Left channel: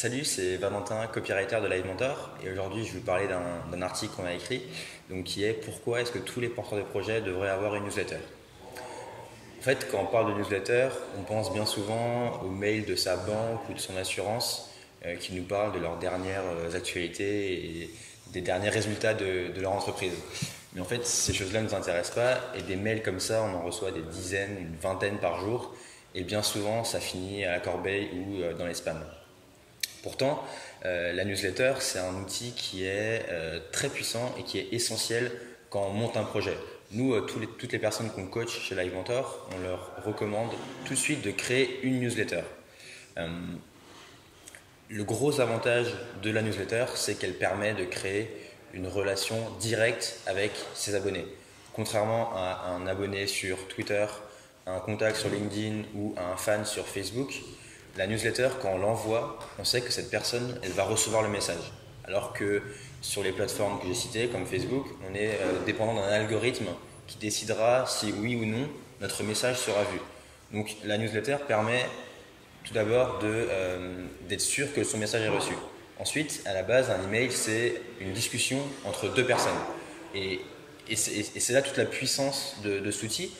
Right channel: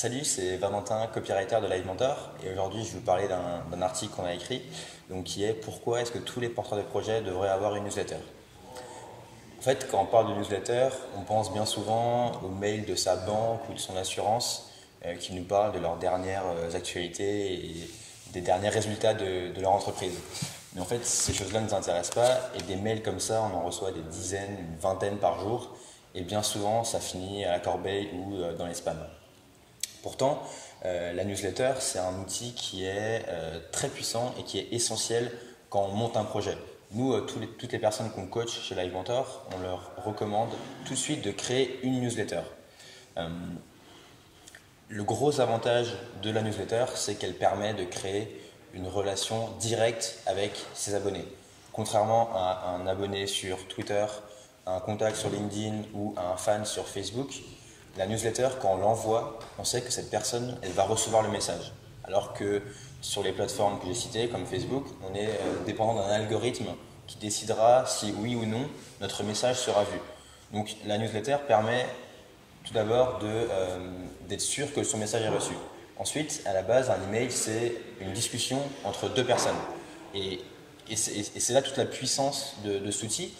Salut, c'est Valentin, copywriter de LiveMentor, et aujourd'hui je vais vous parler d'un article qu'on a écrit, donc qui est pourquoi est-ce que tous les porteurs de projets devraient avoir une newsletter. En fait, quand on parle de newsletter, on pense bien souvent au mail de sa banque ou de son assurance qui nous parlent de leurs dernières actualités et des derniers résultats de leur entreprise. Mais en fait, ces choses-là ne nous intéressent pas, et des mails comme ça, on en reçoit des dizaines, une vingtaine par jour, et bien souvent ça finit à la corbeille ou dans les spams. Pourtant, la newsletter, c'est un outil qui est très puissant et qui est essentiel quand on monte un projet. Nous, toutes les personnes qu'on coach chez LiveMentor, on leur recommande tout de suite de créer une newsletter. Le gros avantage de la newsletter, c'est qu'elle permet de créer une relation directe avec ses abonnés. Contrairement à un abonné sur Twitter, à un contact sur LinkedIn ou à un fan sur Facebook, la newsletter, quand on l'envoie, on sait que cette personne, elle va recevoir le message. Alors que sur les plateformes que j'ai citées, comme Facebook, on est dépendant d'un algorithme qui décidera si oui ou non notre message sera vu. Donc la newsletter permet tout d'abord d'être sûr que son message est reçu. Ensuite, à la base, un email, c'est une discussion entre deux personnes. Et c'est là toute la puissance de cet outil.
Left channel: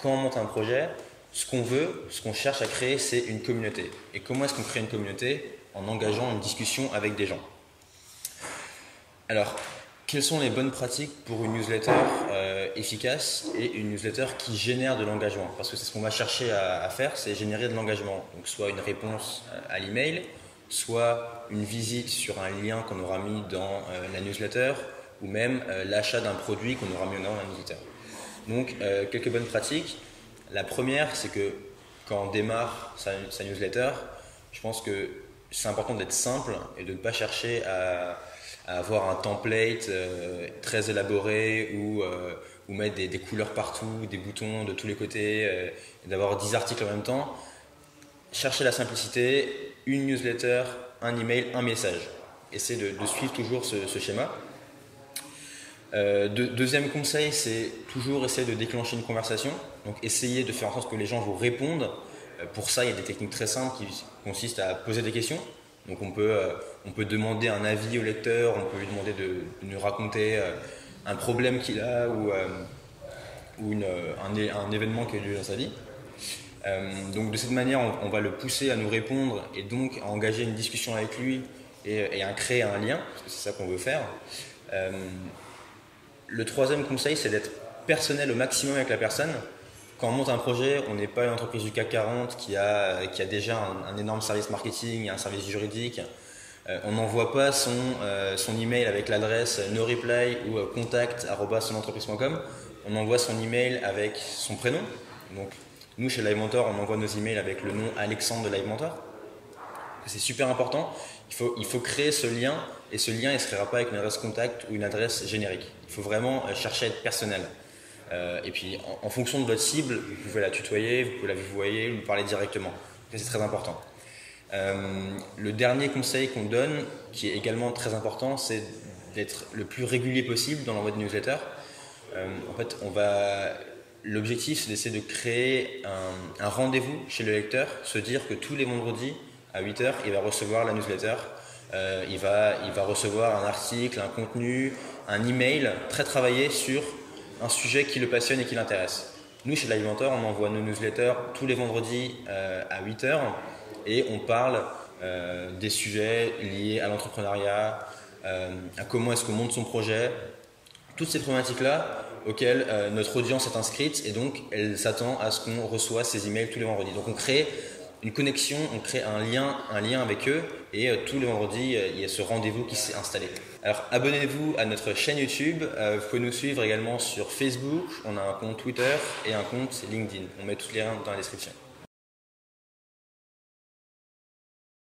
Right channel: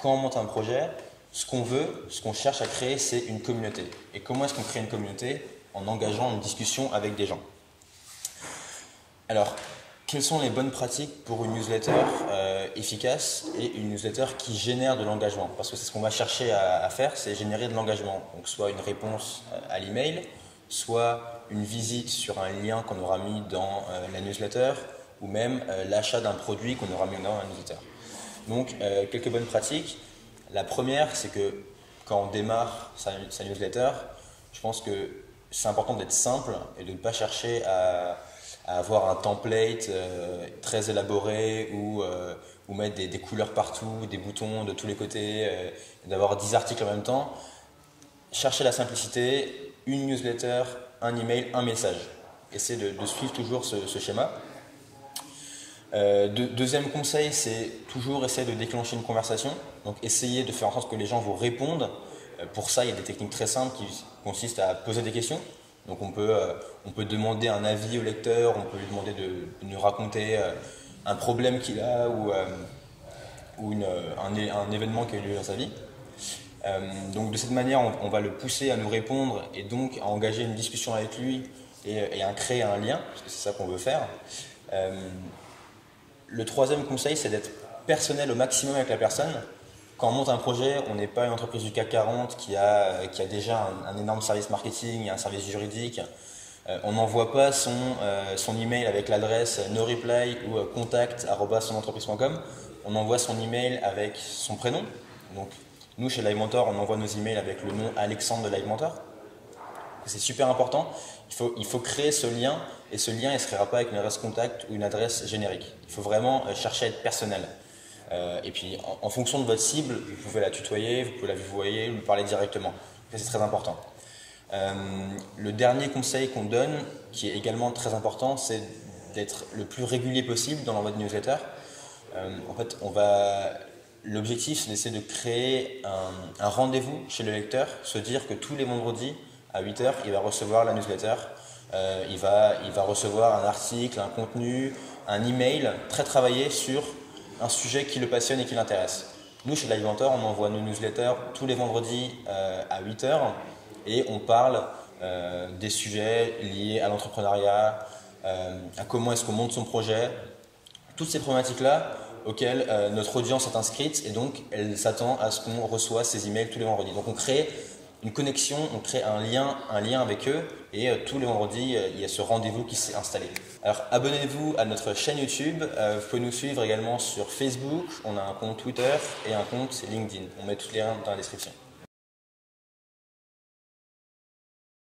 Quand on monte un projet, ce qu'on veut, ce qu'on cherche à créer, c'est une communauté. Et comment est-ce qu'on crée une communauté? En engageant une discussion avec des gens. Alors, quelles sont les bonnes pratiques pour une newsletter efficace et une newsletter qui génère de l'engagement? Parce que c'est ce qu'on va chercher à faire, c'est générer de l'engagement. Donc, soit une réponse à l'email, soit une visite sur un lien qu'on aura mis dans la newsletter, ou même l'achat d'un produit qu'on aura mis dans la newsletter. Donc, quelques bonnes pratiques. La première, c'est que quand on démarre sa newsletter, je pense que c'est important d'être simple et de ne pas chercher à avoir un template très élaboré ou mettre des couleurs partout, des boutons de tous les côtés, d'avoir 10 articles en même temps. Cherchez la simplicité, une newsletter, un email, un message. Essayez de suivre toujours ce schéma. Deuxième conseil, c'est toujours essayer de déclencher une conversation. Donc essayez de faire en sorte que les gens vous répondent. Pour ça, il y a des techniques très simples qui consistent à poser des questions. Donc on peut demander un avis au lecteur, on peut lui demander de nous raconter un problème qu'il a ou un événement qui a eu lieu dans sa vie. Donc de cette manière, on va le pousser à nous répondre et donc à engager une discussion avec lui et à créer un lien, parce que c'est ça qu'on veut faire. Le troisième conseil, c'est d'être personnel au maximum avec la personne. Quand on monte un projet, on n'est pas une entreprise du CAC 40 qui a déjà un énorme service marketing, un service juridique. On n'envoie pas son email avec l'adresse no-reply ou contact@sonentreprise.com. On envoie son email avec son prénom. Donc, nous, chez LiveMentor, on envoie nos emails avec le nom Alexandre de LiveMentor. C'est super important. Il faut créer ce lien, et ce lien, il ne se créera pas avec une adresse contact ou une adresse générique. Il faut vraiment chercher à être personnel. Et puis, en fonction de votre cible, vous pouvez la tutoyer, vous pouvez la vouvoyer, lui parler directement. C'est très important. Le dernier conseil qu'on donne, qui est également très important, c'est d'être le plus régulier possible dans l'envoi de newsletter. En fait, l'objectif, c'est d'essayer de créer un rendez-vous chez le lecteur, se dire que tous les vendredis, à 8 h, il va recevoir la newsletter. Il va recevoir un article, un contenu, un email très travaillé sur un sujet qui le passionne et qui l'intéresse. Nous, chez LiveMentor, on envoie nos newsletters tous les vendredis à 8 h et on parle des sujets liés à l'entrepreneuriat, à comment est-ce qu'on monte son projet, toutes ces problématiques-là auxquelles notre audience est inscrite, et donc elle s'attend à ce qu'on reçoive ces emails tous les vendredis. Donc on crée une connexion, on crée un lien avec eux, et tous les vendredis, il y a ce rendez-vous qui s'est installé. Alors abonnez-vous à notre chaîne YouTube, vous pouvez nous suivre également sur Facebook, on a un compte Twitter et un compte LinkedIn. On met tous les liens dans la description.